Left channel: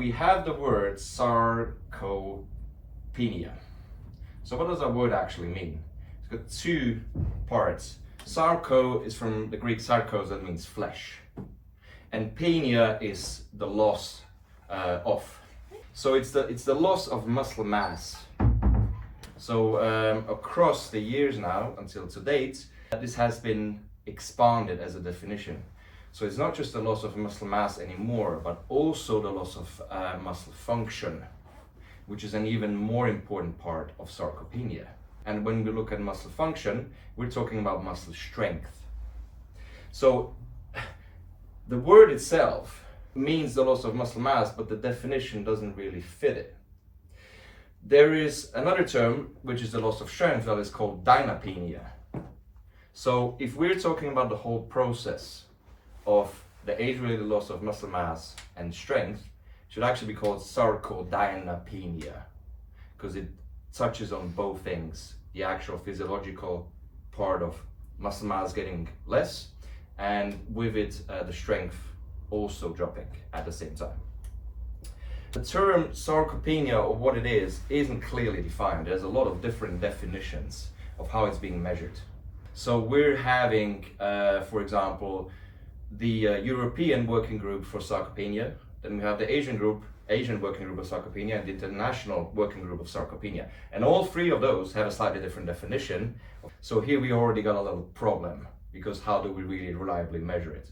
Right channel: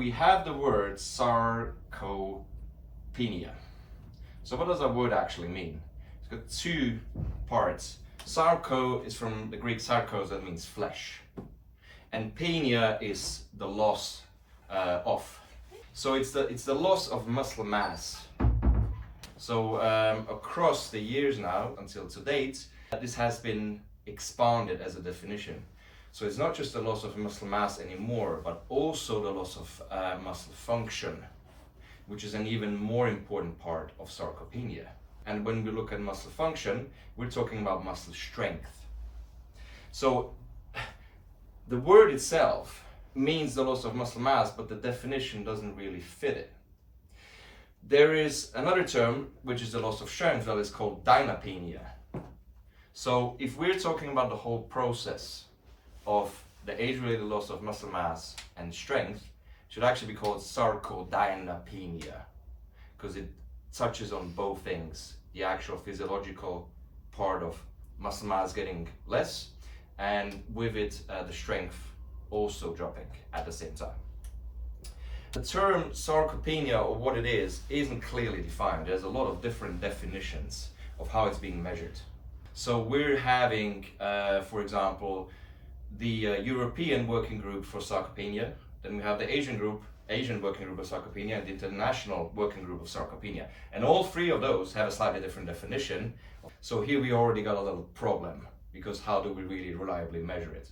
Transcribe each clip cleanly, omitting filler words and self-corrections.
we have the word sarcopenia. So what does that word actually mean? It's got two parts. Sarco is from the Greek sarkos, that means flesh. And penia is the loss of. So it's the loss of muscle mass. So across the years now, until to date, this has been expanded as a definition. So it's not just the loss of muscle mass anymore, but also the loss of muscle function, which is an even more important part of sarcopenia. And when we look at muscle function, we're talking about muscle strength. So the word itself means the loss of muscle mass, but the definition doesn't really fit it. There is another term, which is the loss of strength, that is called dynapenia. So if we're talking about the whole process of the age-related loss of muscle mass and strength, it should actually be called sarcodynapenia, because it touches on both things, the actual physiological part of muscle mass getting less, and with it the strength also dropping at the same time. The term sarcopenia, or what it is, isn't clearly defined. There's a lot of different definitions of how it's being measured. So we're having, for example, the European Working Group for Sarcopenia, then we have the Asian Working Group of Sarcopenia, and the International Working Group of Sarcopenia. And all three of those have a slightly different definition. So here we already got a little problem, because how do we really reliably measure it?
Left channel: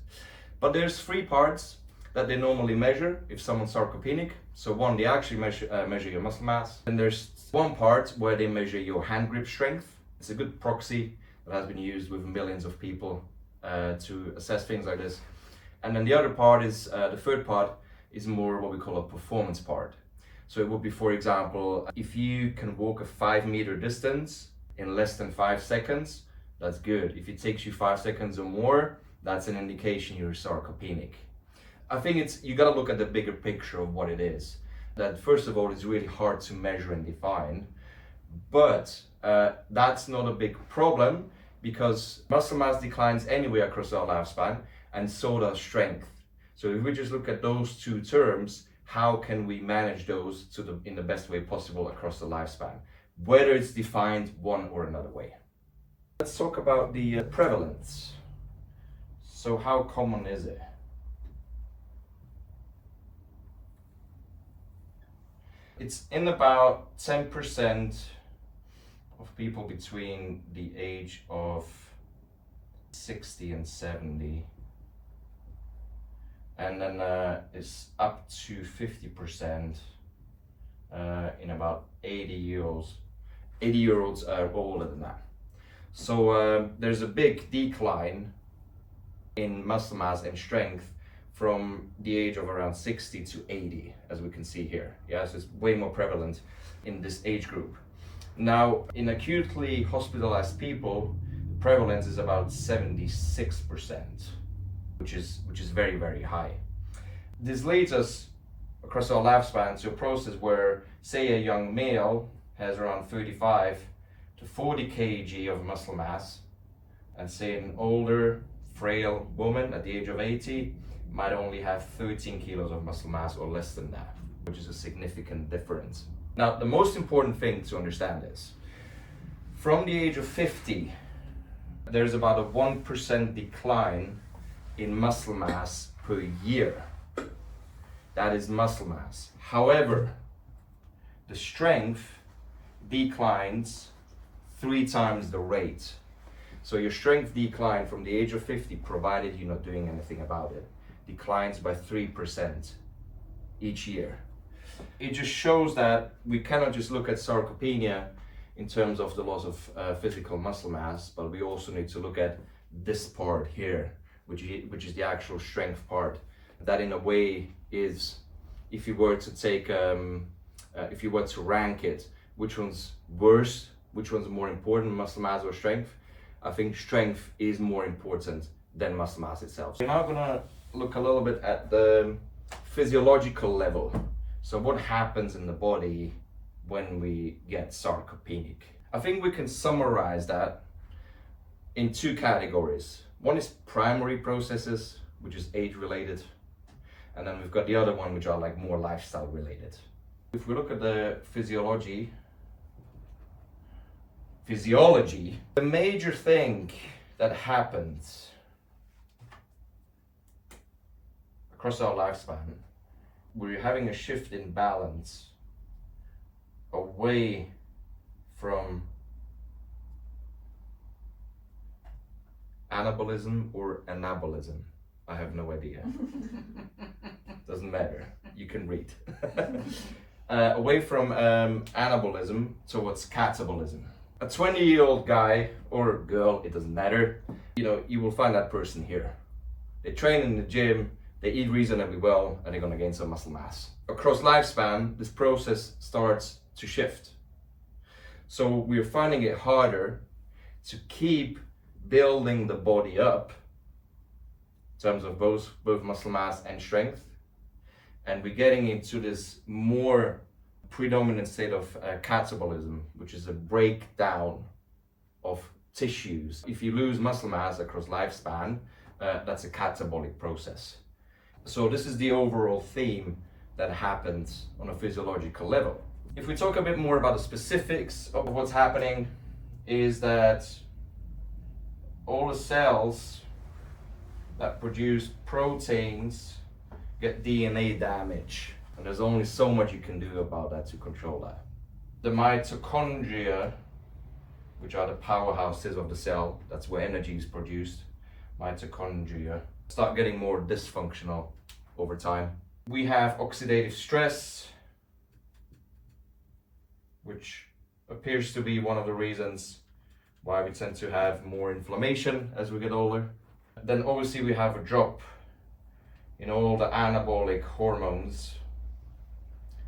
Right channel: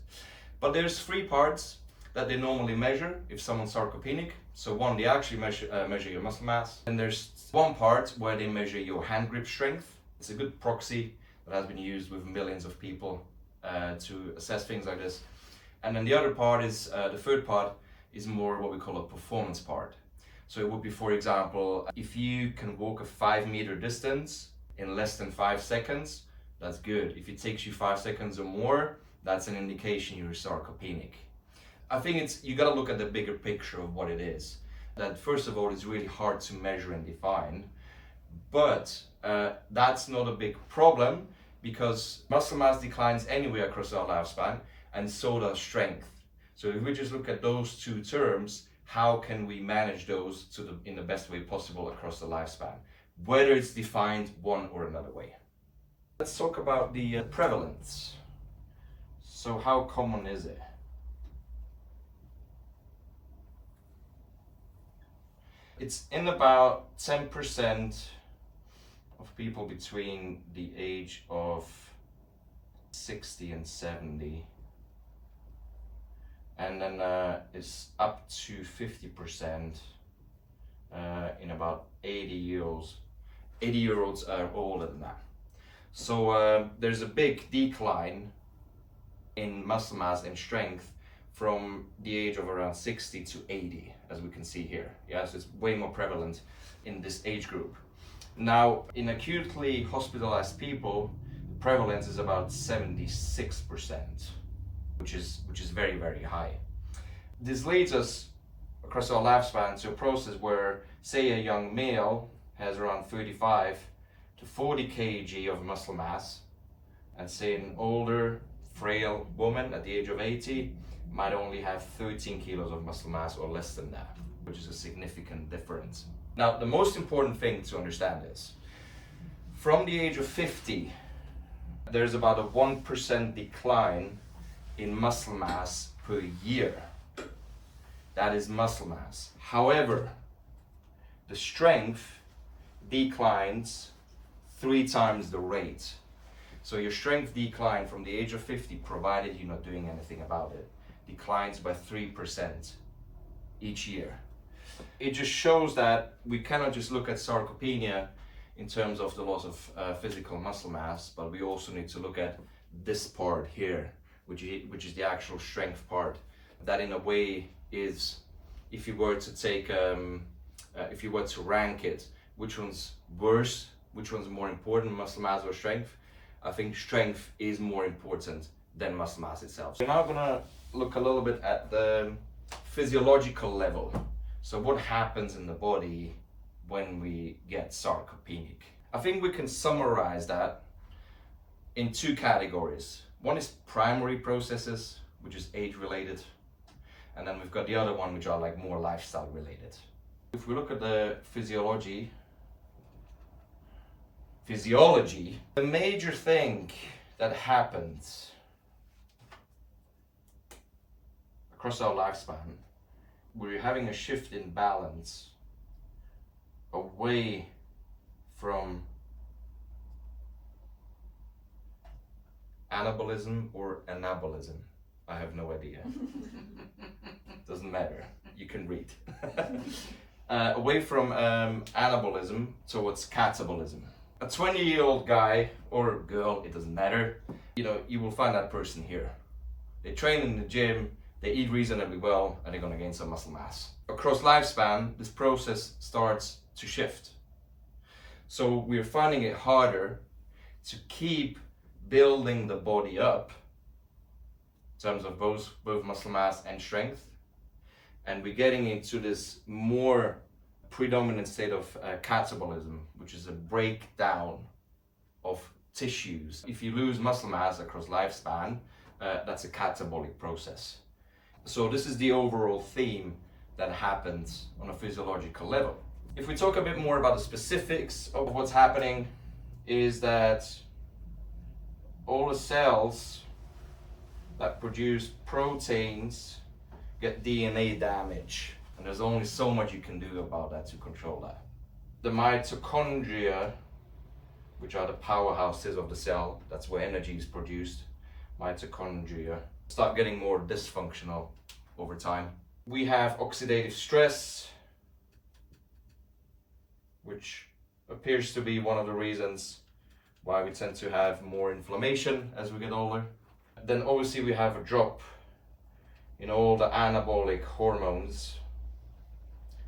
But there's three parts that they normally measure if someone's sarcopenic. So one, they actually measure your muscle mass. And there's one part where they measure your hand grip strength. It's a good proxy that has been used with millions of people to assess things like this. And then the other part is, the third part is more what we call a performance part. So it would be, for example, if you can walk a 5-meter distance in less than 5 seconds, that's good. If it takes you 5 seconds or more, that's an indication you're sarcopenic. I think you gotta look at the bigger picture of what it is. That first of all, it's really hard to measure and define, but that's not a big problem, because muscle mass declines anyway across our lifespan, and so does strength. So if we just look at those two terms, how can we manage those in the best way possible across the lifespan, whether it's defined one or another way? Let's talk about the prevalence. So how common is it? It's in about 10% of people between the age of 60 and 70, and then it's up to 50% in about 80-year-olds. 80-year-olds are older than that. So there's a big decline in muscle mass and strength from the age of around 60 to 80, as we can see here. Yeah, so it's way more prevalent in this age group. Now, in acutely hospitalized people, the prevalence is about 76%, which is very, very high. This leads us across our lifespan to a process where, say, a young male has around 35 to 40 kg of muscle mass, and say an older, frail woman at the age of 80 might only have 13 kilos of muscle mass or less than that, which is a significant difference. Now, the most important thing to understand is, from the age of 50, there's about a 1% decline in muscle mass per year. That is muscle mass. However, the strength declines 3 times the rate. So your strength decline from the age of 50, provided you're not doing anything about it, declines by 3% each year. It just shows that we cannot just look at sarcopenia in terms of the loss of physical muscle mass, but we also need to look at this part here, which is the actual strength part. That in a way is, if you were to take, if you were to rank it, which one's worse, which one's more important, muscle mass or strength, I think strength is more important than muscle mass itself. We're now gonna look a little bit at the physiological level. So what happens in the body when we get sarcopenic? I think we can summarize that in 2 categories. One is primary processes, which is age related, And then we've got the other one, which are like more lifestyle related. If we look at the physiology, the major thing that happens across our lifespan, we're having a shift in balance away from anabolism or anabolism. I have no idea. Doesn't matter. You can read. Away from anabolism towards catabolism. A 20-year-old guy or girl, it doesn't matter. You know, you will find that person here. They train in the gym, they eat reasonably well, and they're gonna gain some muscle mass. Across lifespan, this process starts to shift. So we're finding it harder to keep building the body up in terms of both muscle mass and strength, and we're getting into this more predominant state of catabolism, which is a breakdown of tissues. If you lose muscle mass across lifespan, that's a catabolic process. So this is the overall theme that happens on a physiological level. If we talk a bit more about the specifics of what's happening, is that all the cells that produce proteins get DNA damage, and there's only so much you can do about that to control that. The mitochondria, which are the powerhouses of the cell, that's where energy is produced, mitochondria, start getting more dysfunctional over time. We have oxidative stress, which appears to be one of the reasons why we tend to have more inflammation as we get older. Then obviously we have a drop in all the anabolic hormones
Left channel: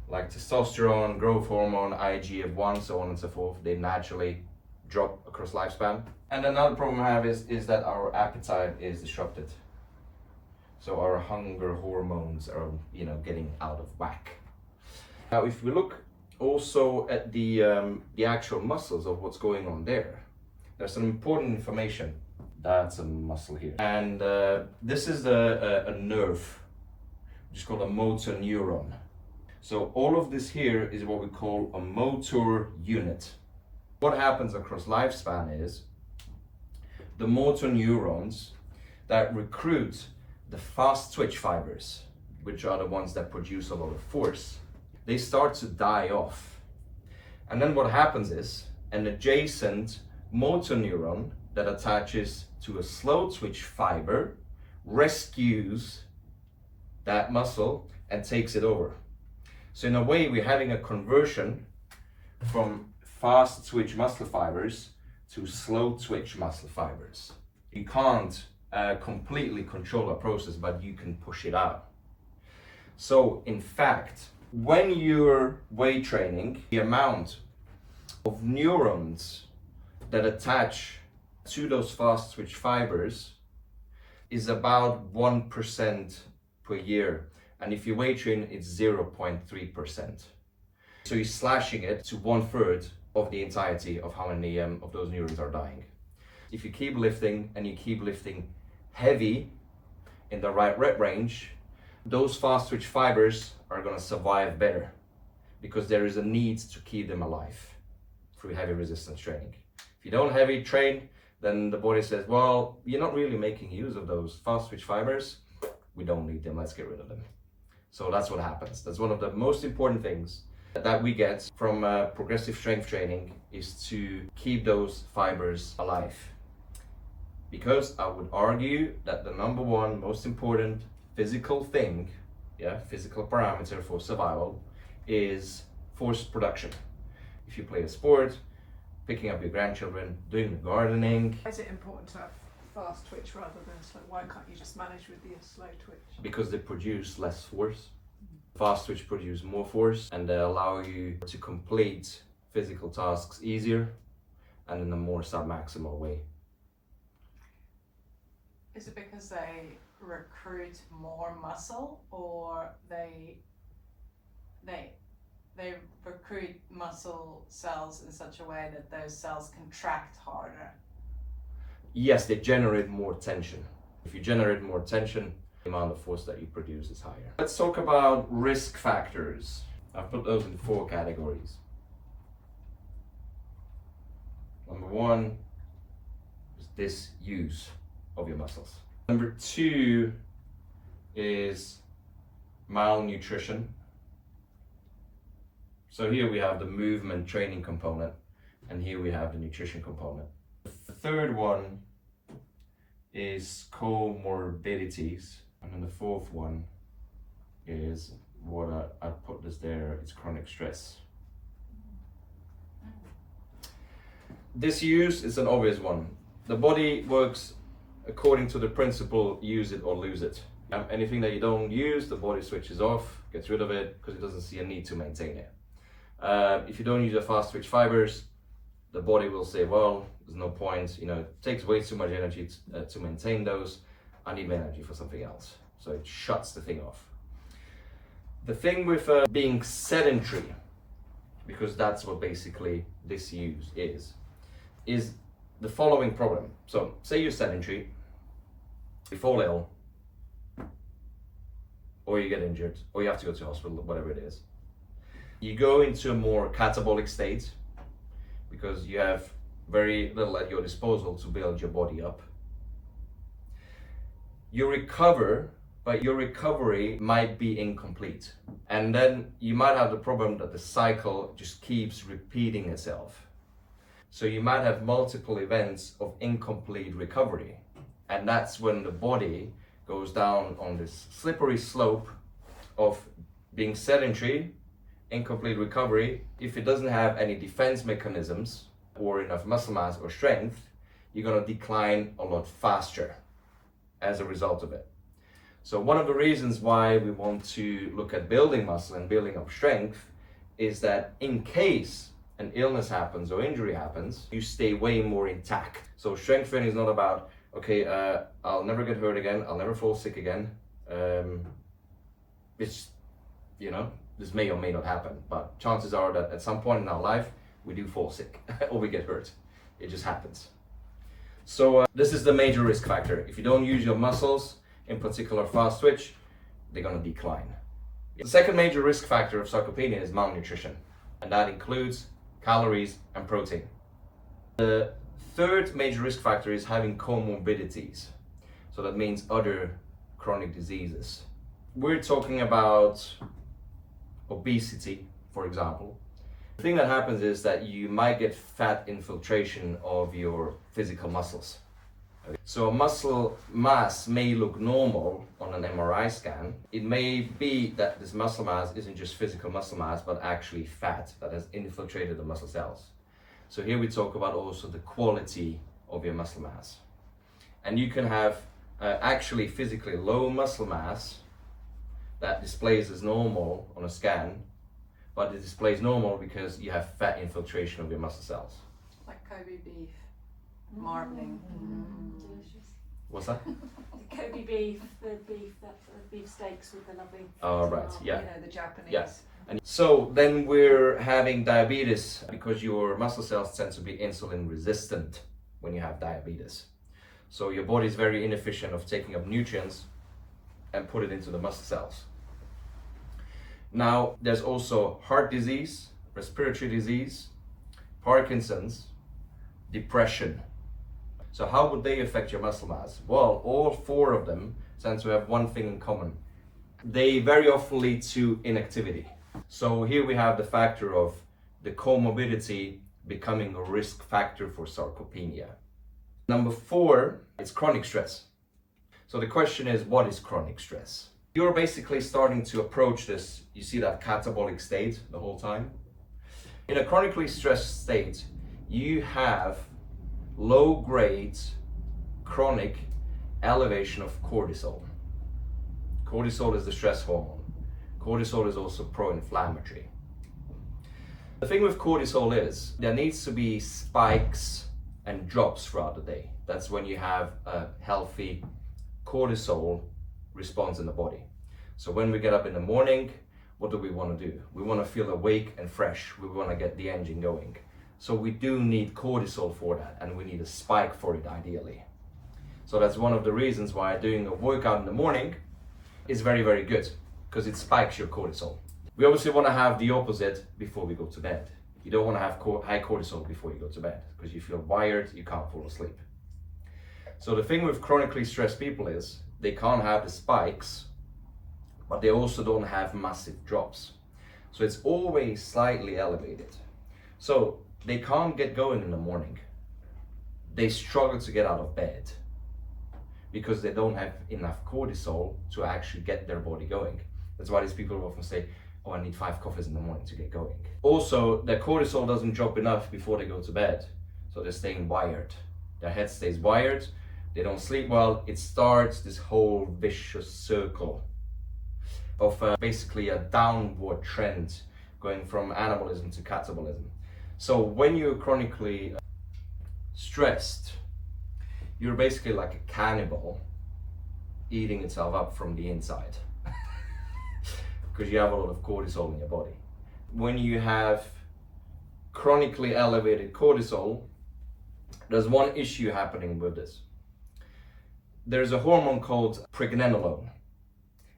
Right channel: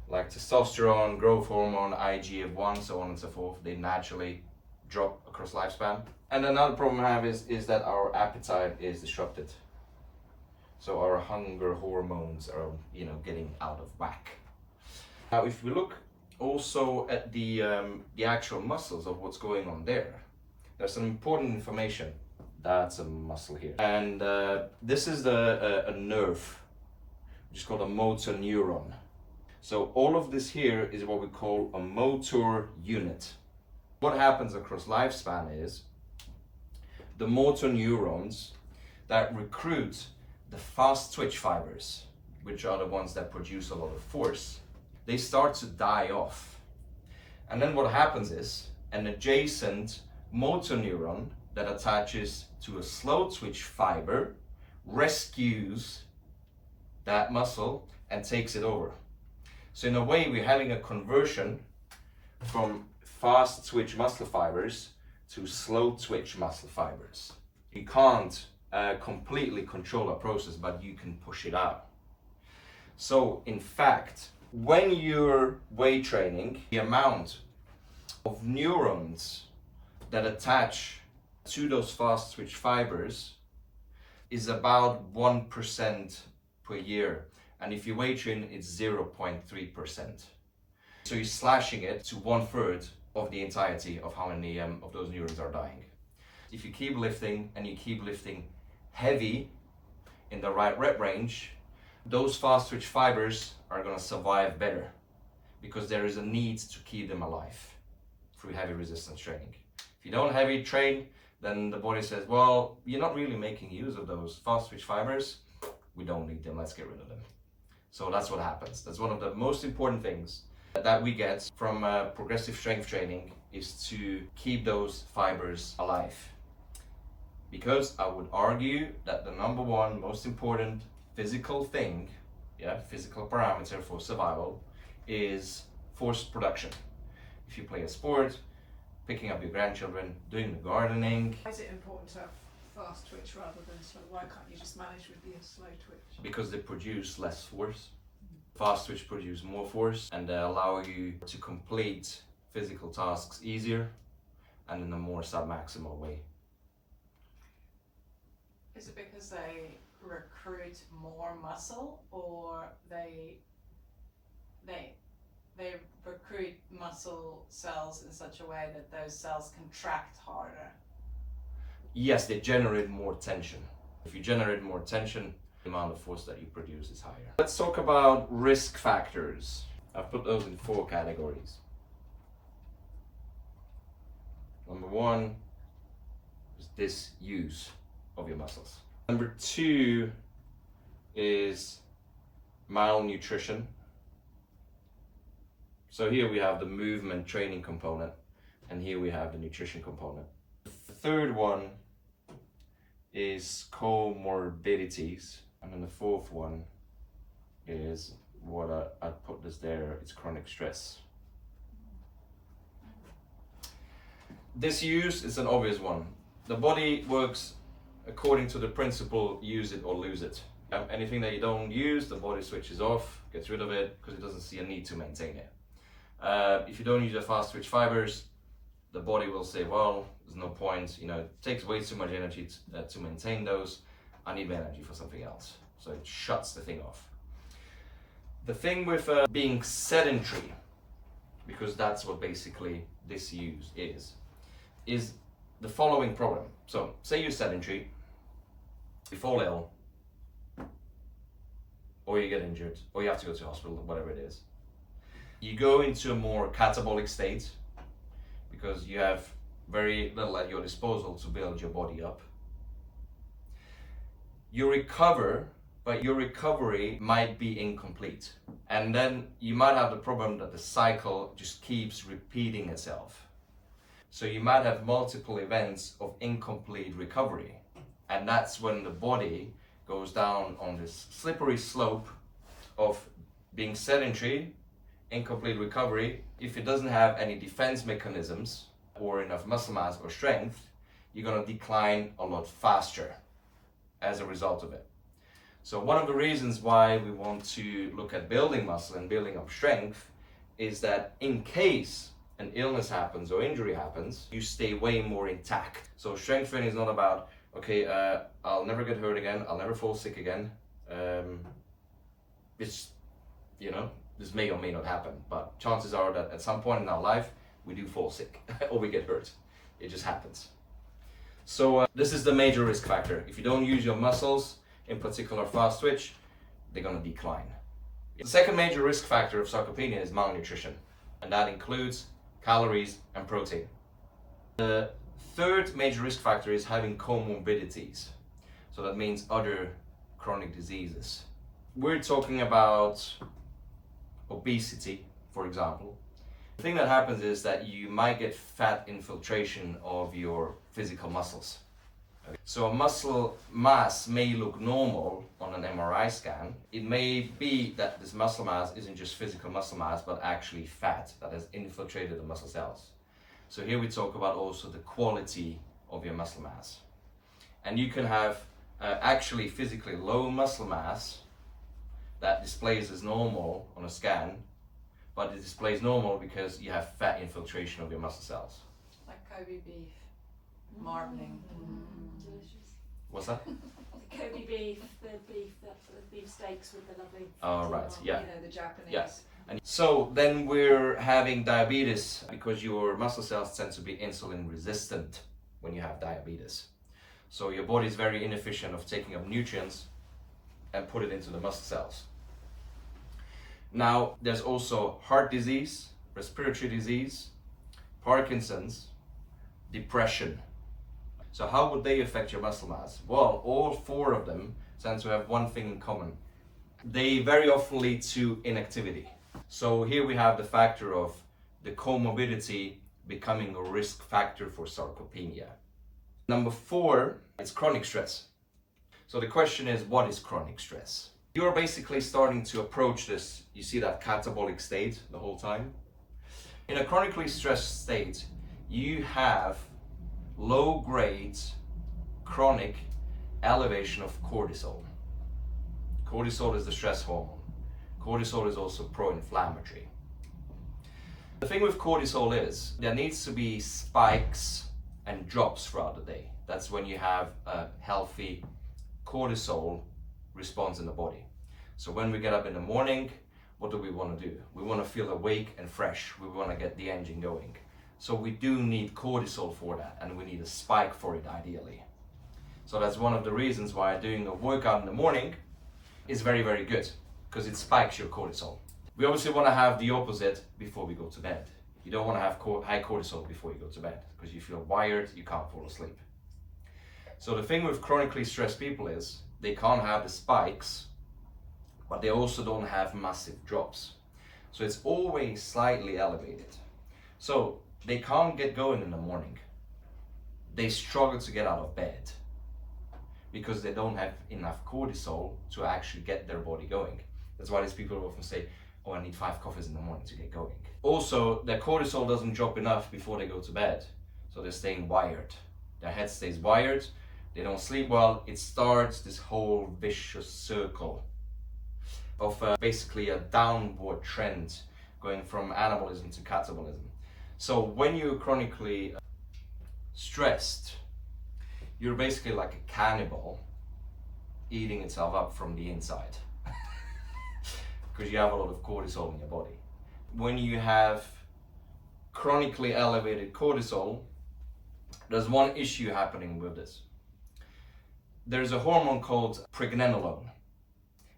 like testosterone, growth hormone, IGF-1, so on and so forth. They naturally drop across lifespan. And another problem we have is that our appetite is disrupted. So our hunger hormones are, getting out of whack. Now, if we look also at the actual muscles of what's going on there, there's some important information. That's a muscle here, and this is a nerve, which is called a motor neuron. So all of this here is what we call a motor unit. What happens across lifespan is the motor neurons that recruit the fast twitch fibers, which are the ones that produce a lot of force, they start to die off. And then what happens is an adjacent motor neuron that attaches to a slow twitch fiber rescues that muscle and takes it over. So in a way, we're having a conversion from fast twitch muscle fibers to slow twitch muscle fibers. You can't completely control a process, but you can push it out. So in fact, when you're weight training, the amount of neurons that attach to those fast twitch fibers is about 1% per year. And if you weight train, it's 0.3%. So you're slashing it to 1/3 of the entirety of how many of those neurons are dying. If you keep lifting and you keep lifting heavy in the right rep range, those fast twitch fibers are going to survive better because there is a need to keep them alive through heavy resistance training. If you don't heavy train, then the body says, well, you're not really making use of those fast twitch fibers. We don't need them, let's get rid of them. So that's what happens. That's one of the most important things that we get from progressive strength training, is to keep those fibers alive. Because I would argue that the number one most important physical thing, physical parameter for survival, is force production. If you play a sport, picking up your grandchildren, doing the gardening. Why is it important to have fast twitch rather than slow? Why can't you just manage with the slow twitch? Because they produce less force. Fast twitch produce more force, and they allow you to complete physical tasks easier and in a more submaximal way. Is it because they recruit more muscle, or they recruit muscle cells in such a way that those cells contract harder? Yes, they generate more tension. If you generate more tension, the amount of force that you produce is higher. Let's talk about risk factors. I've put those in 4 categories. Number 1 is disuse of your muscles. Number 2 is malnutrition. So here we have the movement training component, and here we have the nutrition component. The third one is comorbidities, and then the fourth one is what I put this there, it's chronic stress. Disuse is an obvious one. The body works according to the principle use it or lose it. Anything that you don't use, the body switches off, gets rid of it, because it doesn't see a need to maintain it. If you don't use your fast twitch fibers, the body will say, well, there's no point, it takes way too much energy to maintain those. I need my energy for something else. So it shuts the thing off. The thing with being sedentary, because that's what basically disuse is the following problem. So say you're sedentary, you fall ill, or you get injured, or you have to go to hospital, whatever it is. You go into a more catabolic state because you have very little at your disposal to build your body up. You recover, but your recovery might be incomplete. And then you might have the problem that the cycle just keeps repeating itself. So you might have multiple events of incomplete recovery. And that's when the body goes down on this slippery slope of being sedentary, incomplete recovery. If it doesn't have any defense mechanisms or enough muscle mass or strength, you're going to decline a lot faster as a result of it. So one of the reasons why we want to look at building muscle and building up strength is that in case an illness happens or injury happens, you stay way more intact. So strength training is not about, okay, I'll never get hurt again, I'll never fall sick again. It's, this may or may not happen, but chances are that at some point in our life, we do fall sick or we get hurt. It just happens. So this is the major risk factor. If you don't use your muscles, in particular fast twitch, they're gonna decline. The second major risk factor of sarcopenia is malnutrition, and that includes calories and protein. The third major risk factor is having comorbidities. So that means other chronic diseases. We're talking about obesity, for example. The thing that happens is that you might get fat infiltration of your physical muscles. So a muscle mass may look normal on an MRI scan. It may be that this muscle mass isn't just physical muscle mass, but actually fat that has infiltrated the muscle cells. So here we talk about also the quality of your muscle mass. And you can have actually physically low muscle mass that displays as normal on a scan, but it displays normal because you have fat infiltration of your muscle cells. Like Kobe beef, marbling. Delicious. What's that? The Kobe beef, the beef steaks with the lovely. Oh, right, yeah. The Japanese. Yeah. And so then we're having diabetes because your muscle cells tend to be insulin resistant when you have diabetes. So your body is very inefficient of taking up nutrients and put it into the muscle cells. Now, there's also heart disease, respiratory disease, Parkinson's, depression. So how would they affect your muscle mass? Well, all 4 of them tend to have one thing in common. They very often lead to inactivity. So here we have the factor of the comorbidity becoming a risk factor for sarcopenia. Number 4 is chronic stress. So the question is, what is chronic stress? You're basically starting to approach this, you see that catabolic state the whole time. In a chronically stressed state, you have low grade chronic elevation of cortisol. Cortisol is the stress hormone. Cortisol is also pro-inflammatory. The thing with cortisol is there needs to be spikes and drops throughout the day. That's when you have a healthy cortisol response in the body. So when we get up in the morning, what do we want to do? We want to feel awake and fresh. We want to get the engine going. So we do need cortisol for that, and we need a spike for it ideally. So that's one of the reasons why doing a workout in the morning is very, very good because it spikes your cortisol. We obviously want to have the opposite before we go to bed. You don't want to have high cortisol before you go to bed because you feel wired, you can't fall asleep. So the thing with chronically stressed people is they can't have the spikes, but they also don't have massive drops. So it's always slightly elevated. So they can't get going in the morning. They struggle to get out of bed because they don't have enough cortisol to actually get their body going. That's why these people often say, oh, I need 5 coffees in the morning to get going. Also, their cortisol doesn't drop enough before they go to bed. So they're staying wired. Their head stays wired. They don't sleep well. It starts this whole vicious circle of basically a downward trend going from anabolism to catabolism. So when you're chronically stressed, you're basically like a cannibal eating itself up from the inside because you have a lot of cortisol in your body. When you have chronically elevated cortisol, there's one issue happening with this. There's a hormone called pregnenolone,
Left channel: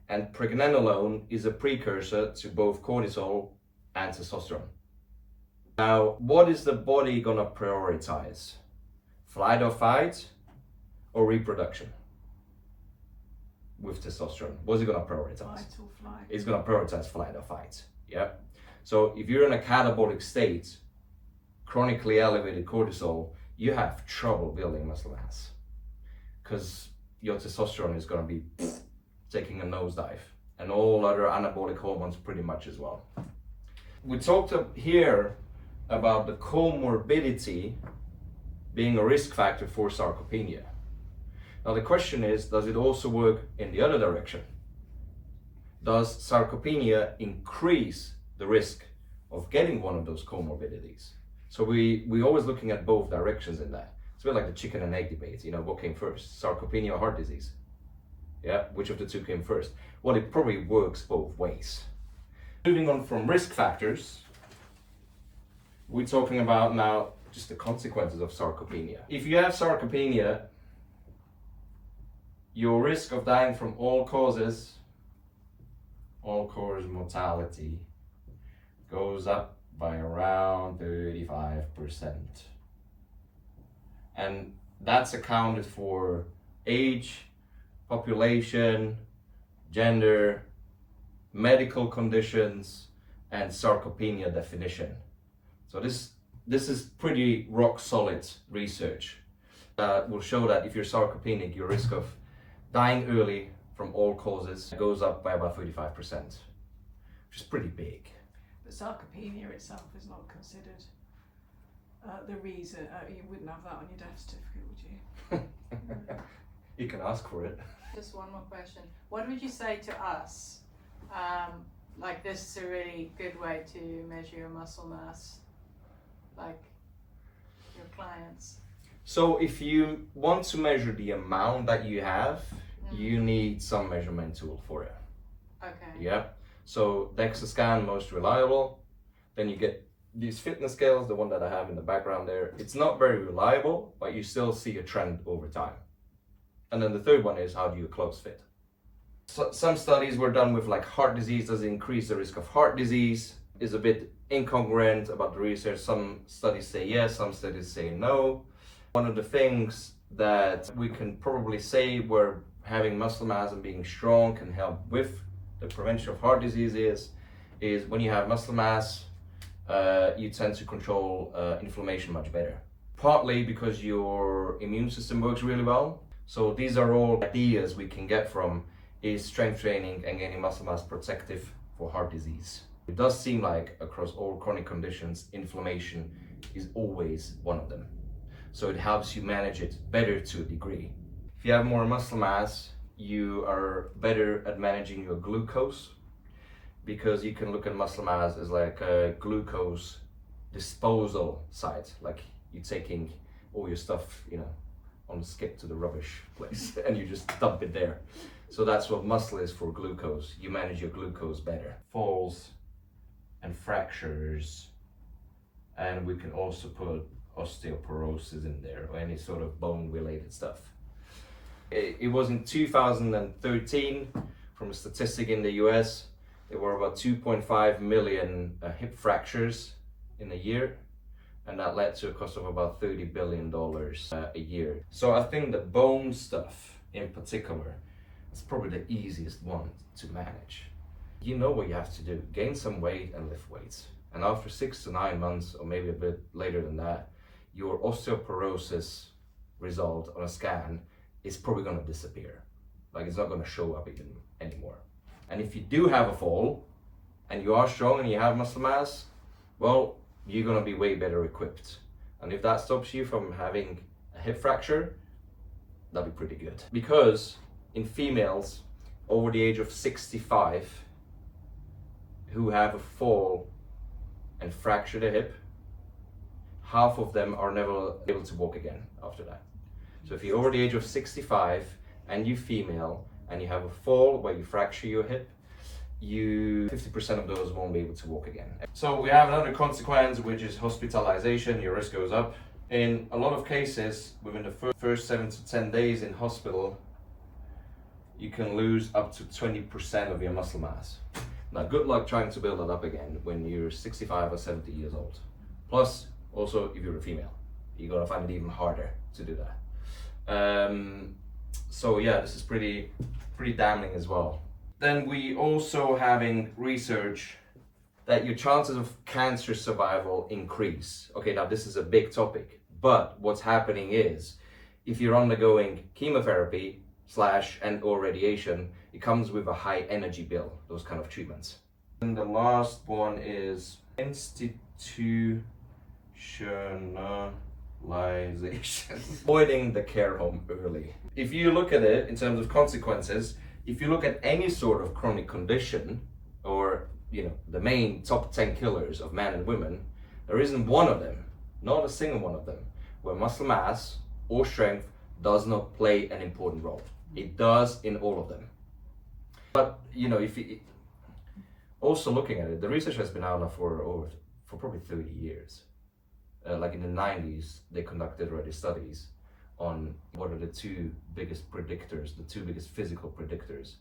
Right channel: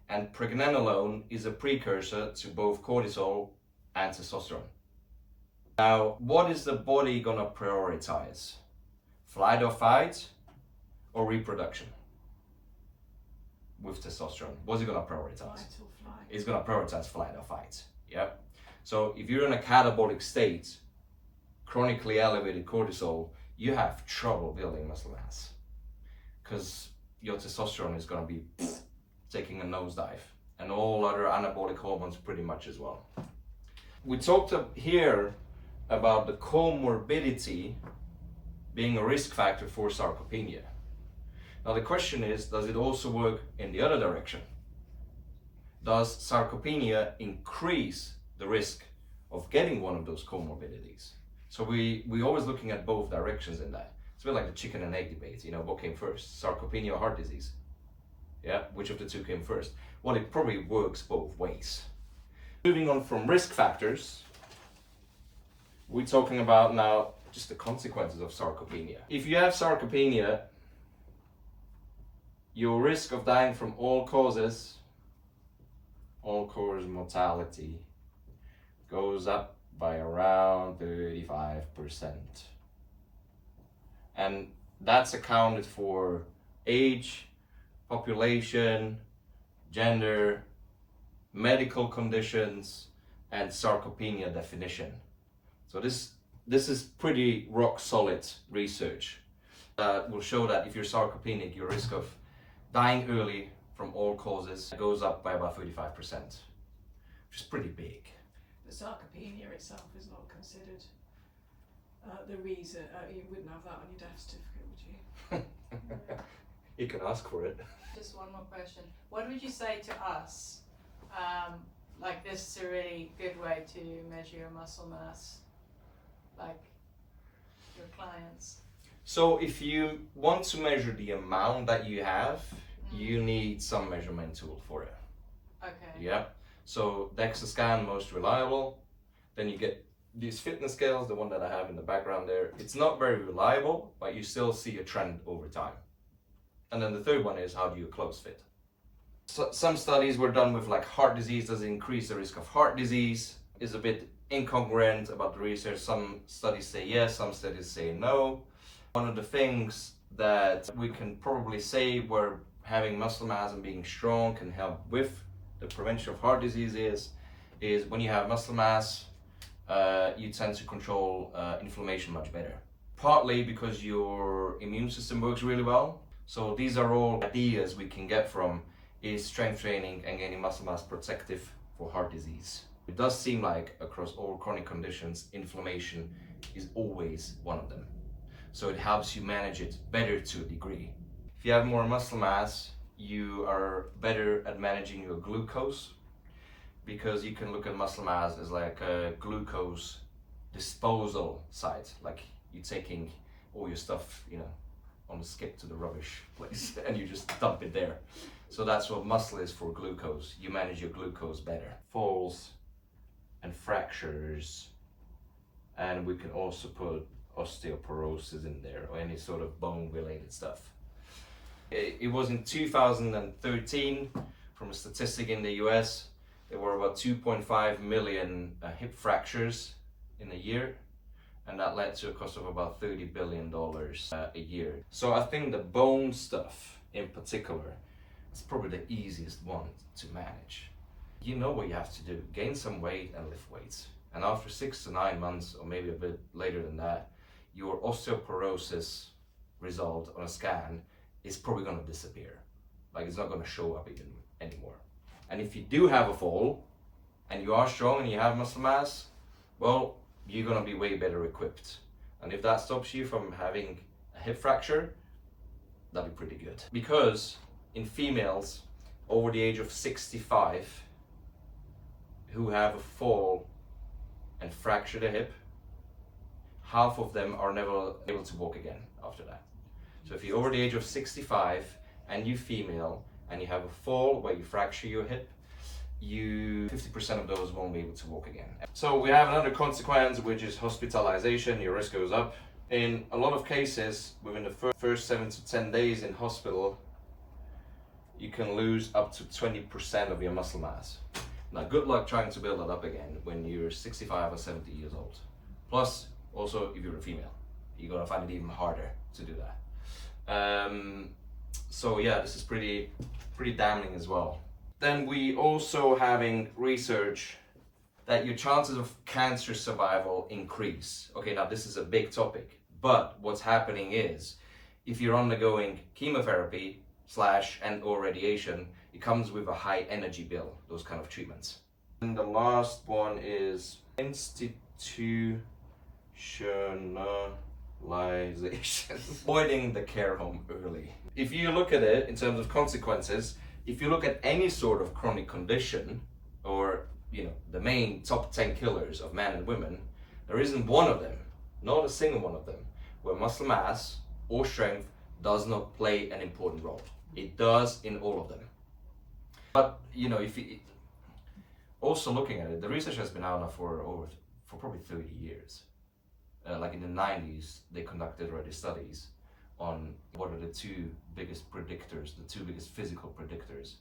and pregnenolone is a precursor to both cortisol and testosterone. Now, what is the body gonna prioritize? Flight or fight or reproduction? With testosterone, what's it gonna prioritize? Fight or flight. It's gonna prioritize flight or fight. Yeah. So if you're in a catabolic state, chronically elevated cortisol, you have trouble building muscle mass because your testosterone is gonna be taking a nosedive, and all other anabolic hormones pretty much as well. We talked up here about the comorbidity being a risk factor for sarcopenia. Now the question is, does it also work in the other direction? Does sarcopenia increase the risk of getting one of those comorbidities? So we're always looking at both directions in that. It's a bit like the chicken and egg debate, you know, what came first, sarcopenia or heart disease? Yeah, which of the two came first? Well, it probably works both ways. Moving on from risk factors, we're talking about now just the consequences of sarcopenia. If you have sarcopenia, your risk of dying from all-cause mortality goes up by around 35%. And that's accounted for age, population, gender, medical conditions, and sarcopenia definition. So this is pretty rock solid research. Will show that if you're sarcopenic, your risk of dying early from all causes goes up by about 35%, which is pretty big. But sarcopenia itself is not considered the reason. You wouldn't have that on your death certificate, would you? You can ask for it. Just one more question. What would you say to us? Like, this is a really good way to measure your muscle mass, like your clients. So if you want to measure the amount that you have, you need some measurement tool for it. Okay. Yeah. So DEXA scan, most reliable. Then you get these fitness scales, the one that I have in the background there. It's not very reliable, but you still see a trend over time. And then the third one is, how do you close fit? So some studies were done with like heart disease. Does it increase the risk of heart disease? Is a bit incongruent about the research. Some studies say yes, some studies say no. One of the things that we can probably say where having muscle mass and being strong can help with the prevention of heart disease is when you have muscle mass, you tend to control inflammation much better. Partly because your immune system works really well. So these are all ideas we can get from is strength training and gaining muscle mass protective for heart disease. It does seem like across all chronic conditions, inflammation is always one of them. So it helps you manage it better to a degree. If you have more muscle mass, you are better at managing your glucose, because you can look at muscle mass as like a glucose disposal site, like you're taking all your stuff, you know, on the skip to the rubbish place and you just dump it there. So that's what muscle is for glucose. You manage your glucose better. Falls and fractures, and we can also put osteoporosis in there, or any sort of bone related stuff. It was in 2013 from a statistic in the US, there were about 2.5 million hip fractures in a year, and that led to a cost of about $30 billion a year. So I think the bone stuff in particular is probably the easiest one to manage. You know what you have to do: gain some weight and lift weights. And after 6 to 9 months, or maybe a bit later than that, your osteoporosis result on a scan is probably going to disappear. Like, it's not going to show up even anymore. And if you do have a fall and you are strong and you have muscle mass, well, you're going to be way better equipped. And if that stops you from having a hip fracture, that'd be pretty good. Because in females over the age of 65 who have a fall and fracture their hip, half of them are never able to walk again after that. So if you're over the age of 65 and you're female and you have a fall where you fracture your hip, 50% of those won't be able to walk again. So we have another consequence, which is hospitalization. Your risk goes up. In a lot of cases, within the first 7 to 10 days in hospital, you can lose up to 20% of your muscle mass. Now, good luck trying to build it up again when you're 65 or 70 years old. Plus, also, if you're a female, you're gonna find it even harder to do that. So yeah, this is pretty damning as well. Then we also having research that your chances of cancer survival increase. Okay, now this is a big topic, but what's happening is if you're undergoing chemotherapy and/or radiation, it comes with a high energy bill, those kind of treatments. And the last one is institutionalization. Avoiding the care home early. If you look at it in terms of consequences, if you look at any sort of chronic condition, or the main top 10 killers of men and women, there isn't one of them, not a single one of them, where muscle mass or strength does not play an important role. It does in all of them. But if you also looking at it, the research has been out now for probably 30 years. Like in the 90s, they conducted already studies on what are the two biggest predictors, the two biggest physical predictors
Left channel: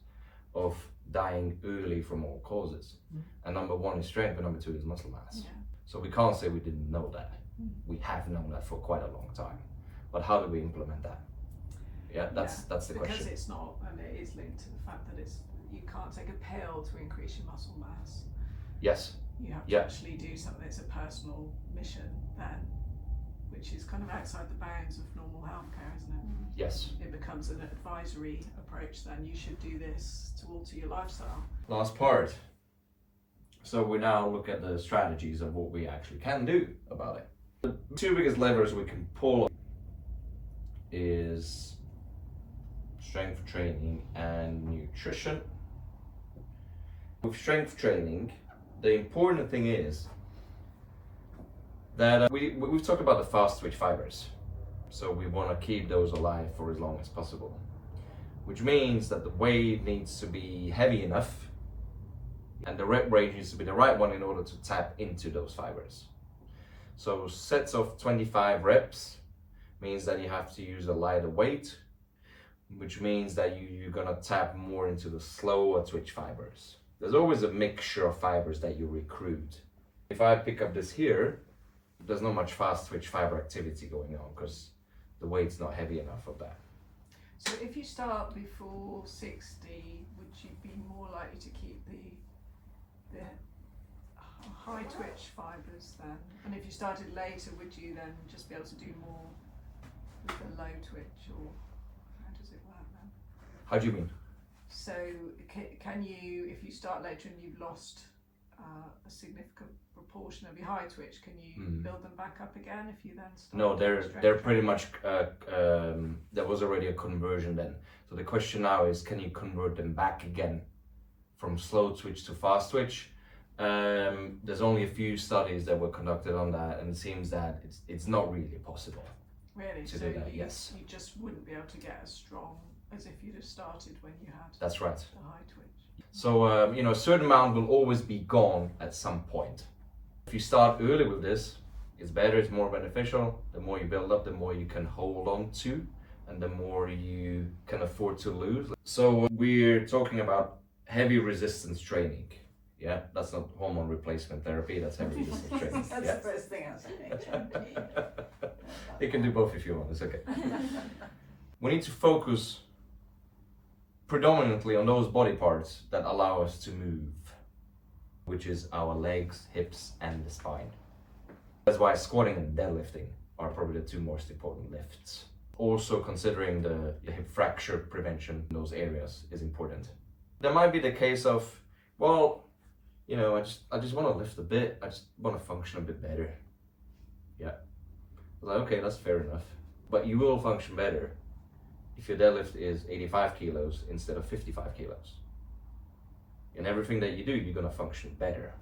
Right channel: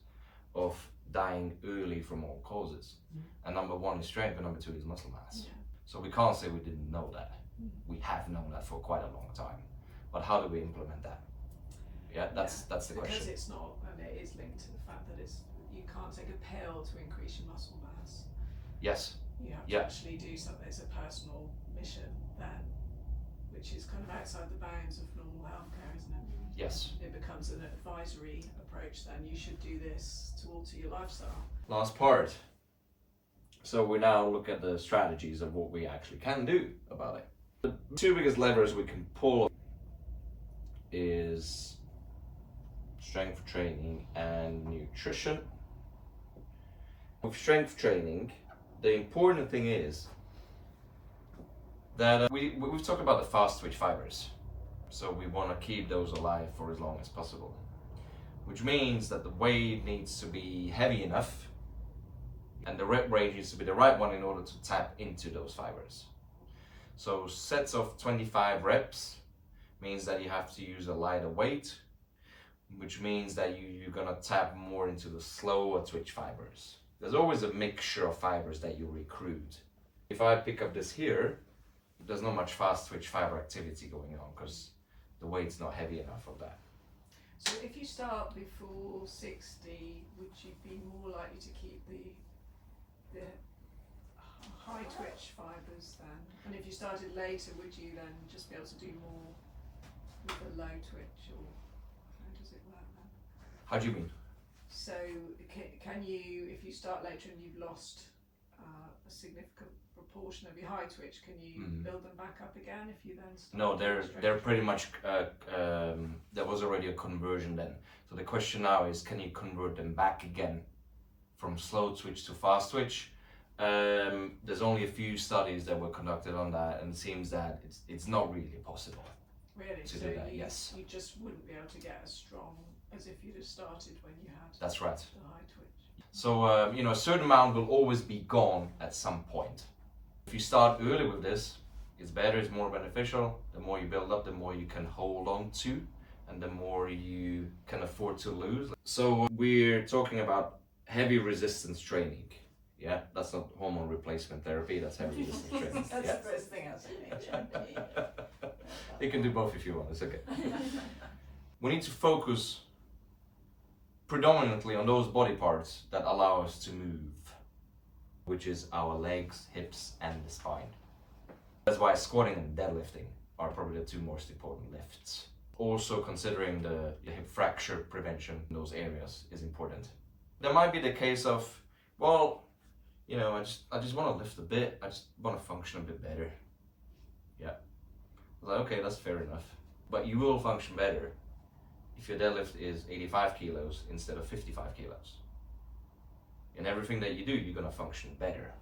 of dying early from all causes. And number one is strength, and number two is muscle mass. Yeah. So we can't say we didn't know that. We have known that for quite a long time. But how do we implement that? Yeah, that's the question. Because it's not, and it is linked to the fact that you can't take a pill to increase your muscle mass. Yes. You have to actually do something. It's a personal mission then, which is kind of outside the bounds of normal healthcare, isn't it? Yes. It becomes an advisory approach then. You should do this to alter your lifestyle. Last part. So we now look at the strategies of what we actually can do about it. The two biggest levers we can pull is strength training and nutrition. With strength training, the important thing is that we've talked about the fast twitch fibers. So we want to keep those alive for as long as possible, which means that the weight needs to be heavy enough and the rep range needs to be the right one in order to tap into those fibers. So sets of 25 reps means that you have to use a lighter weight, which means that you're gonna tap more into the slower twitch fibers. There's always a mixture of fibers that you recruit. If I pick up this here, there's not much fast twitch fiber activity going on because the weight's not heavy enough of that. So if you start before 60, would you be more likely to keep the high twitch fibers then? And if you started later, would you then just be able to do more with the low twitch, or how does it work then? How do you mean? So can you, if you start later and you've lost a significant proportion of your high twitch, can you build them back up again if you then start? No, they're pretty much, there was already a conversion then. So the question now is, can you convert them back again from slow twitch to fast twitch? There's only a few studies that were conducted on that, and it seems that it's not really possible. Really? To do that, yes. You just wouldn't be able to get as strong as if you'd have started when you had That's right. the high twitch. So, a certain amount will always be gone at some point. If you start early with this, it's better, it's more beneficial. The more you build up, the more you can hold on to, and the more you can afford to lose. So we're talking about heavy resistance training. Yeah, that's not hormone replacement therapy, that's heavy resistance training. That's Yeah. the first thing I was mentioned. You can do both if you want, it's okay. We need to focus predominantly on those body parts that allow us to move, which is our legs, hips, and the spine. That's why squatting and deadlifting are probably the two most important lifts. Also considering the hip fracture prevention in those areas is important. There might be the case of, well, you know, I just want to lift a bit, I just want to function a bit better. Yeah. Like, okay, that's fair enough. But you will function better if your deadlift is 85 kilos instead of 55 kilos. In everything that you do, you're gonna function better.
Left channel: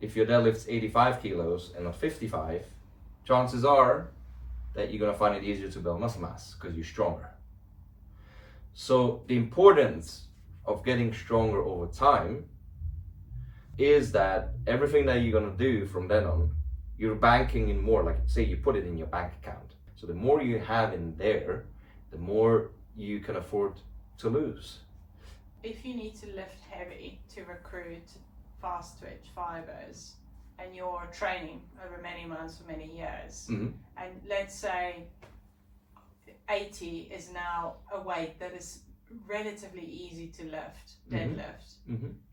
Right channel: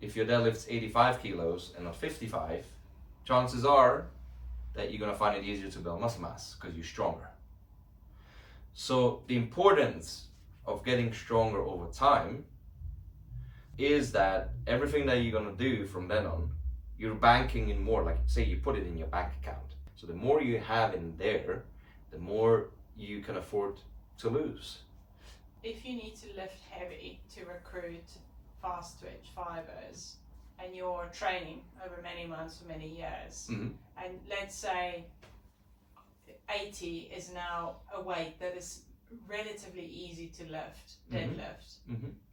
If your deadlift's 85 kilos and not 55, chances are that you're gonna find it easier to build muscle mass because you're stronger. So the importance of getting stronger over time is that everything that you're gonna do from then on, you're banking in more, like say you put it in your bank account. So the more you have in there, the more you can afford to lose. If you need to lift heavy to recruit fast twitch fibers and you're training over many months for many years, and let's say 80 is now a weight that is relatively easy to lift, deadlift,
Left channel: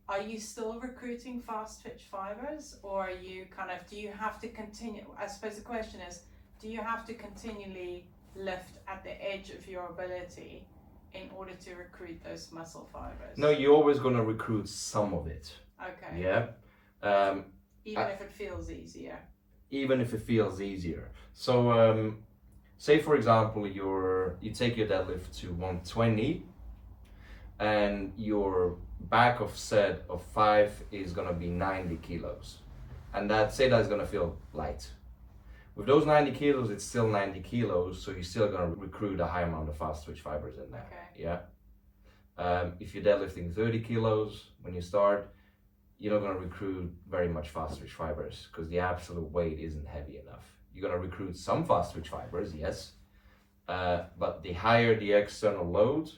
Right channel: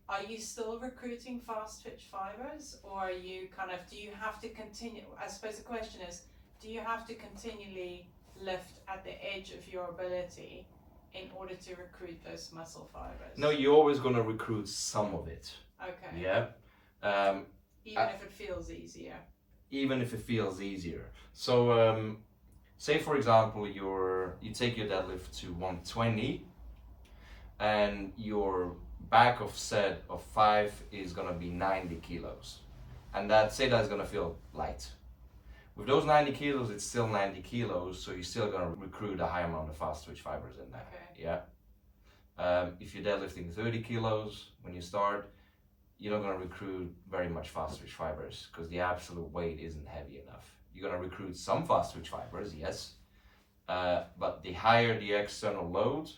are you still recruiting fast twitch fibers, or are you do you have to continue? I suppose the question is, do you have to continually lift at the edge of your ability in order to recruit those muscle fibers? No, you're always going to recruit some of it. Okay. Yeah. Even if it feels easier. Even if it feels easier. So, say for example, you take your deadlift to 120, and your back of set of 5 is going to be 90 kilos, and say that's going to feel light. With those 90 kilos, it's still 90 kilos, so you're still going to recruit a high amount of fast twitch fibers in there. Okay. Yeah. If you're deadlifting 30 kilos when you start, you're not going to recruit very much fast twitch fibers because the absolute weight isn't heavy enough. You're going to recruit some fast twitch fibers, yes, but the higher the external load,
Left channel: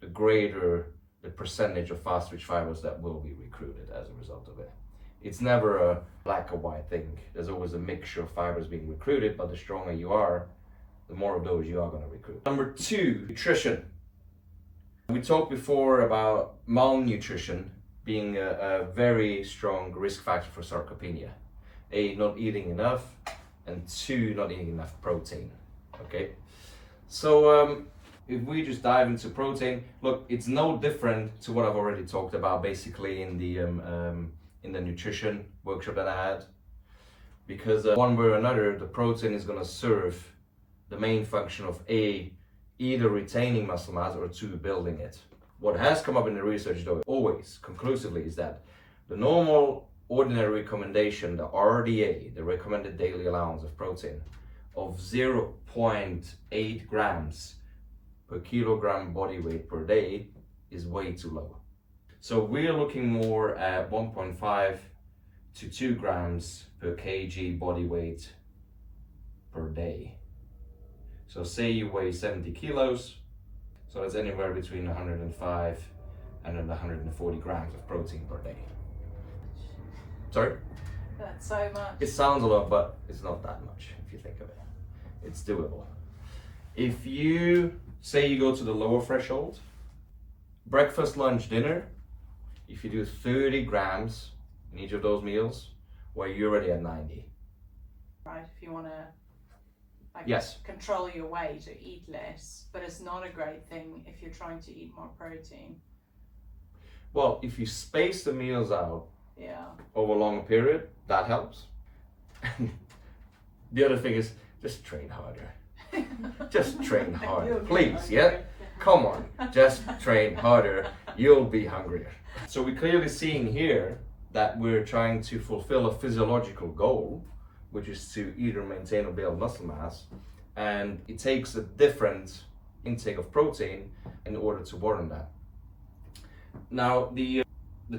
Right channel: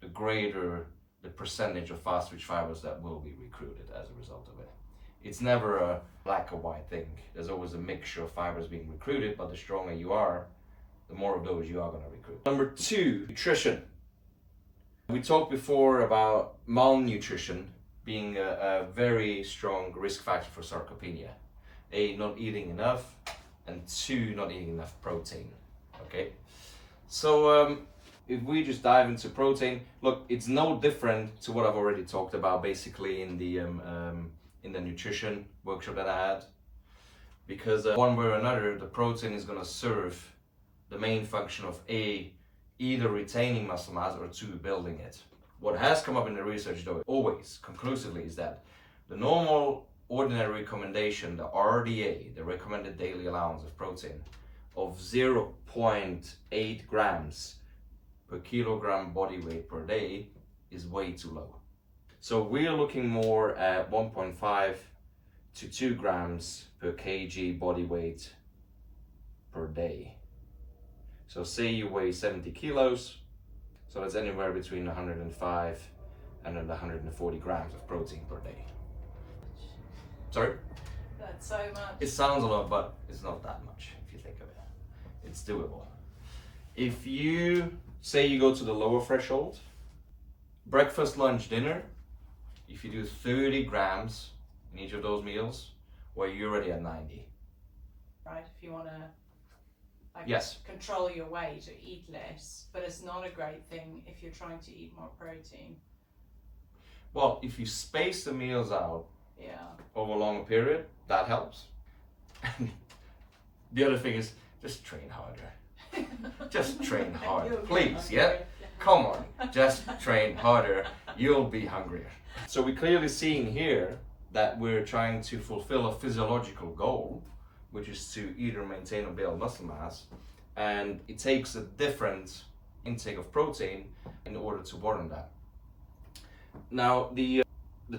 the greater the percentage of fast twitch fibers that will be recruited as a result of it. It's never a black or white thing. There's always a mixture of fibers being recruited, but the stronger you are, the more of those you are going to recruit. Number 2, nutrition. We talked before about malnutrition being a very strong risk factor for sarcopenia. A, not eating enough, and 2, not eating enough protein. Okay, so if we just dive into protein, look, it's no different to what I've already talked about basically in the nutrition workshop that I had, because one way or another, the protein is going to serve the main function of A, either retaining muscle mass, or 2, building it. What has come up in the research though, always conclusively, is that the normal ordinary recommendation, the RDA, the recommended daily allowance of protein, of 0.8 grams per kilogram body weight per day is way too low. So we're looking more at 1.5 to 2 grams per kg body weight per day. So say you weigh 70 kilos, so that's anywhere between 105 and 140 grams of protein per day. Sorry? That's so much. It sounds a lot, but it's not that much if you think of it. It's doable. If you say you go to the lower threshold, breakfast, lunch, dinner, if you do 30 grams in each of those meals, well, you're already at 90. Right, if you want to Yes. control your weight or eat less, but it's not a great thing if you're trying to eat more protein. Well, if you space the meals out Yeah. over a longer period, that helps. The other thing is just train harder. Just train harder, please, yeah? Come on, just train harder, you'll be hungrier. So we're clearly seeing here that we're trying to fulfill a physiological goal, which is to either maintain or build muscle mass, and it takes a different intake of protein in order to warrant that. Now, the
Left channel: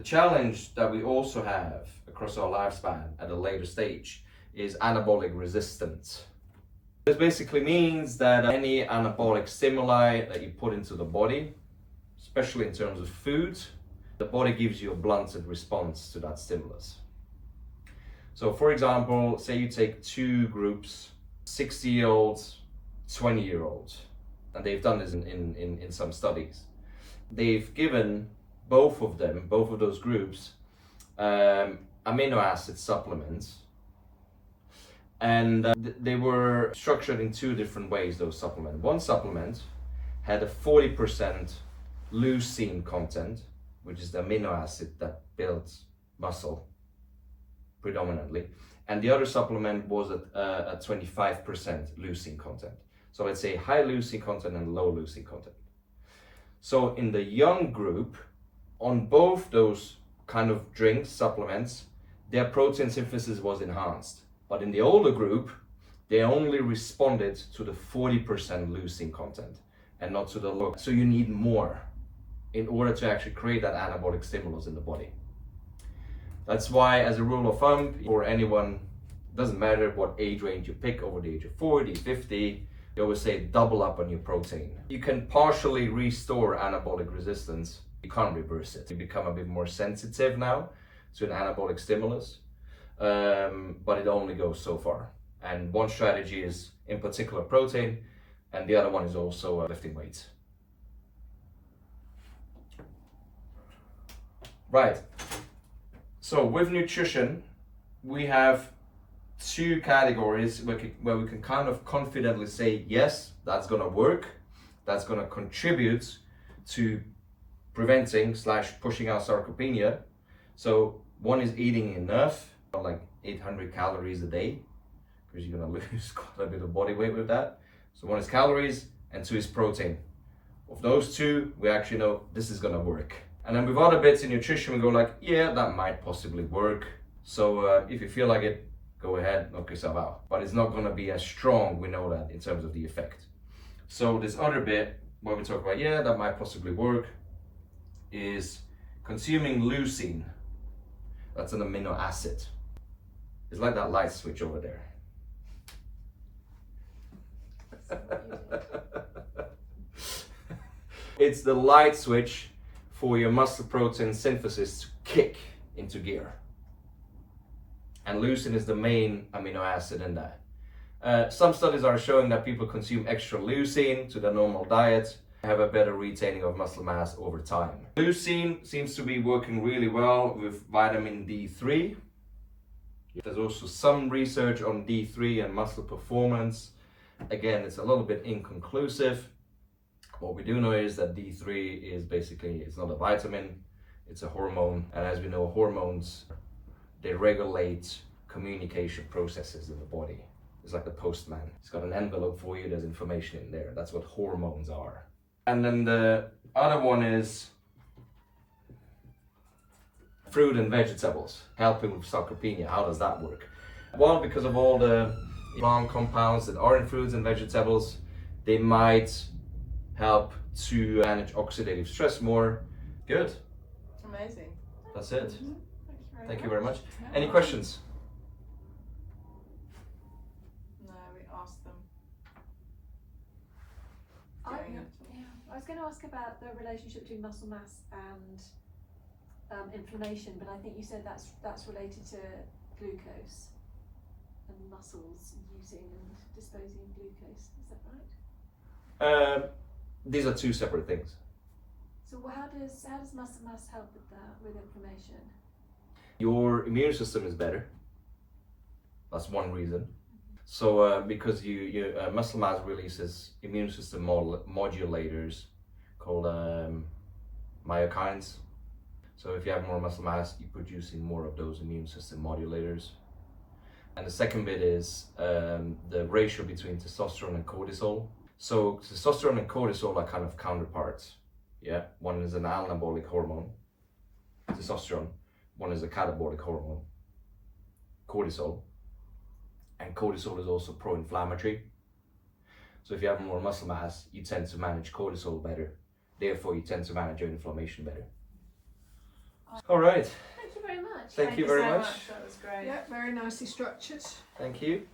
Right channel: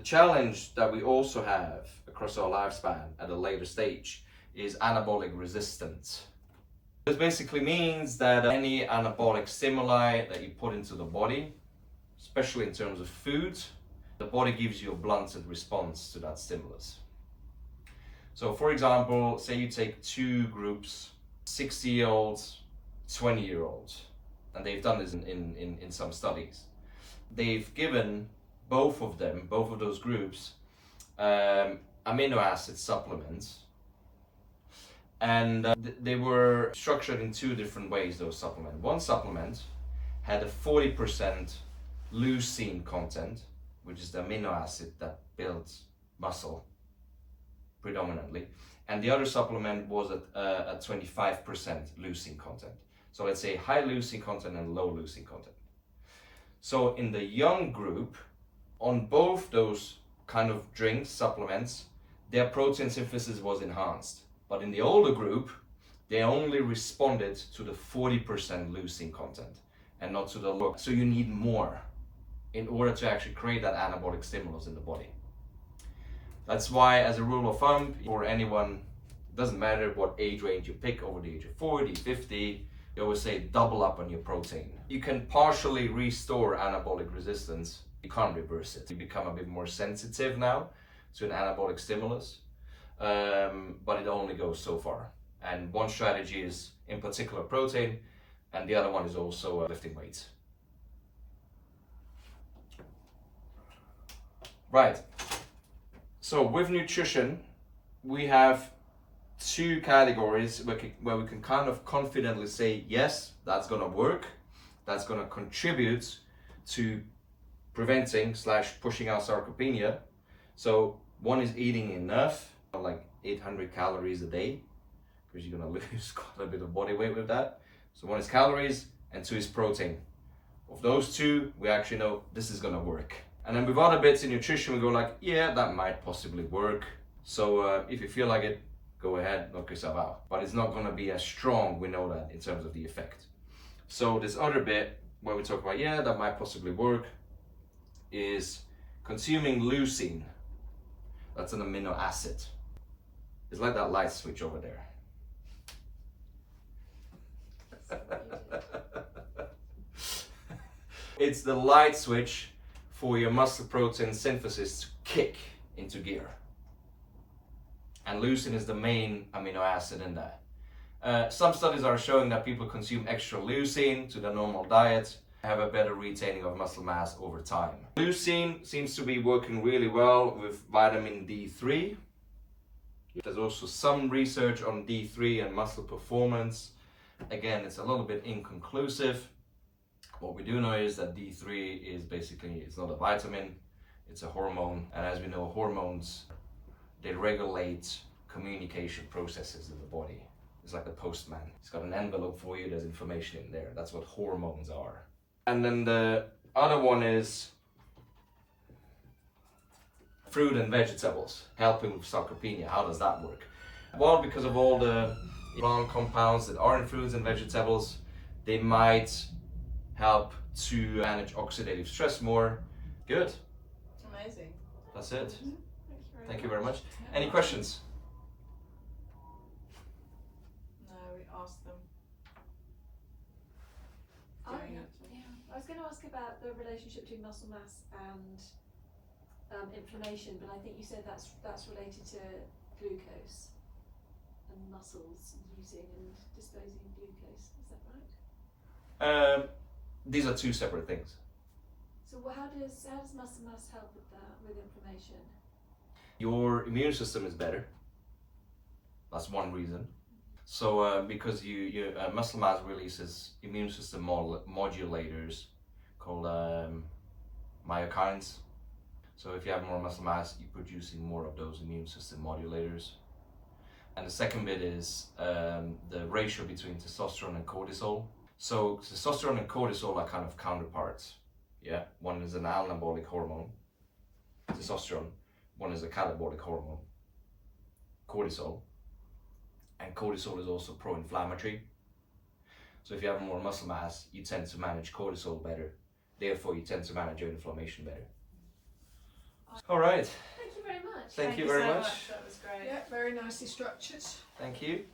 challenge that we also have across our lifespan at a later stage is anabolic resistance. This basically means that any anabolic stimuli that you put into the body, especially in terms of food, the body gives you a blunted response to that stimulus. So for example, say you take two groups, 60-year-olds, 20-year-olds, and they've done this in some studies. They've given both of those groups, amino acid supplements, and they were structured in two different ways, those supplements. One supplement had a 40% leucine content, which is the amino acid that builds muscle predominantly, and the other supplement was at a 25% leucine content. So let's say high leucine content and low leucine content. So in the young group, on both those kind of drinks, supplements, their protein synthesis was enhanced. But in the older group, they only responded to the 40% leucine content and not to the low. So you need more in order to actually create that anabolic stimulus in the body. That's why, as a rule of thumb, for anyone, it doesn't matter what age range you pick, over the age of 40, 50, they always say double up on your protein. You can partially restore anabolic resistance. You can't reverse it. You become a bit more sensitive now to an anabolic stimulus, but it only goes so far. And one strategy is in particular protein, and the other one is also lifting weights. Right. So with nutrition, we have two categories where we can kind of confidently say, yes, that's going to work, that's going to contribute to preventing / pushing out sarcopenia. So one is eating enough, like 800 calories a day, because you're going to lose quite a bit of body weight with that. So one is calories and two is protein. Of those two, we actually know this is going to work. And then with other bits in nutrition, we go like, yeah, that might possibly work. So if you feel like it, go ahead, knock yourself out. But it's not going to be as strong, we know that, in terms of the effect. So this other bit where we talk about, yeah, that might possibly work, is consuming leucine. That's an amino acid. It's like that light switch over there. It's the light switch for your muscle protein synthesis to kick into gear. And leucine is the main amino acid in that. Some studies are showing that people consume extra leucine to their normal diet, have a better retaining of muscle mass over time. Leucine seems to be working really well with vitamin D3. There's also some research on D3 and muscle performance. Again, it's a little bit inconclusive. What we do know is that D3 is basically, it's not a vitamin, it's a hormone. And as we know, hormones, they regulate communication processes in the body. It's like the postman. It's got an envelope for you, there's information in there. That's what hormones are. And then the other one is fruit and vegetables, helping with sarcopenia. How does that work? Well, because of all the plant compounds that are in fruits and vegetables, they might help to manage oxidative stress more. Good. Amazing. That's it. Mm-hmm. Thank you very much. Any questions? No, we asked them. I was going to ask about the relationship between muscle mass and inflammation, but I think you said that's related to glucose and muscles using and disposing of glucose. Is that right? These are two separate things. So how does muscle mass help with that, with inflammation? Your immune system is better. That's one reason. So because your muscle mass releases immune system modulators called myokines. So if you have more muscle mass, you're producing more of those immune system modulators. And the second bit is the ratio between testosterone and cortisol. So testosterone and cortisol are kind of counterparts. Yeah, one is an anabolic hormone, testosterone. One is a catabolic hormone, cortisol. And cortisol is also pro-inflammatory. So if you have more muscle mass, you tend to manage cortisol better. Therefore, you tend to manage your inflammation better. All right. Thank you very much. Thank you very so much. That was great. Yeah, very nicely structured. Thank you.